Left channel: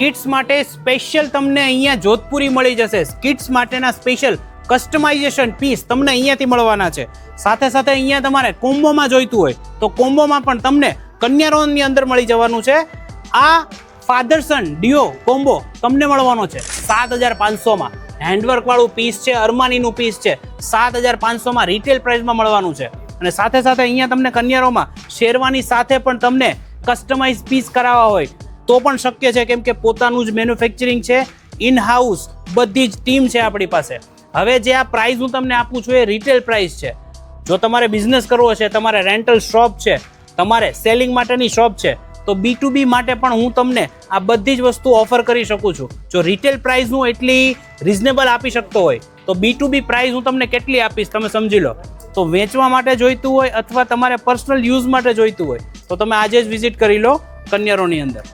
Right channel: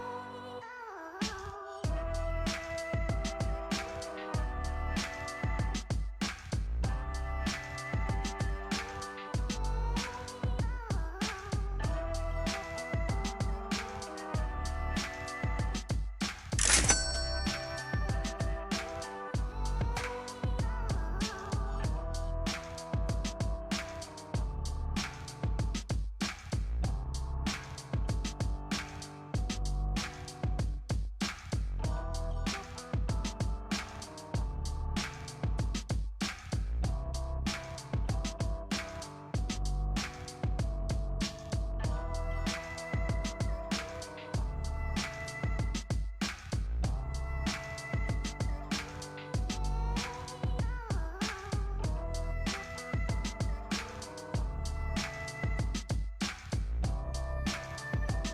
Kids માટે special તમને અહીંયા જોધપુરી મળી જશે. કિડ્સ માટેના સ્પેશિયલ કસ્ટમાઇઝેશન પીસ તમને અહીંયાથી મળવાના છે. સાથે સાથે અહીંયા તમારે કોમ્બોમાં જોઈતું હોય તો કોમ્બોમાં પણ તમને કન્યારોનની અંદર મળી જવાનું છે. આ ફાધર સન ડિયો કોમ્બો તમને મળવાનો છે 7,500માં. હેન્ડવર્ક વાળું પીસ છે, અરમાનીનું પીસ છે, 7,500માં રિટેલ પ્રાઇસમાં મળવાનું છે. અને સાથે સાથે અહીંયા તમને કન્યારોમાં શેરવાની સાથે પણ તમને કસ્ટમાઇઝ પીસ કરાવવા હોય તો પણ શક્ય છે, કેમ કે પોતાનું જ મેન્યુફેક્ચરિંગ છે, ઇન હાઉસ બધી જ ટીમ છે આપણી પાસે. હવે જે આ પ્રાઇસ હું તમને આપું છું એ રિટેલ પ્રાઇસ છે. જો તમારે બિઝનેસ કરવો છે, તમારે રેન્ટલ શોપ છે, તમારે સેલિંગ માટેની શોપ છે, તો B2B માટે પણ હું તમને આ બધી જ વસ્તુ ઓફર કરી શકું છું. જો રિટેલ પ્રાઇસ હું એટલી રિઝનેબલ આપી શકતો હોય તો B2B પ્રાઇસ હું તમને કેટલી આપીશ તમે સમજી લો. તો વેચવા માટે જોઈતું હોય અથવા તમારે પર્સનલ યુઝ માટે જોઈતું હોય તો તમે આજે જ વિઝિટ કરી લો કન્યારોની અંદર.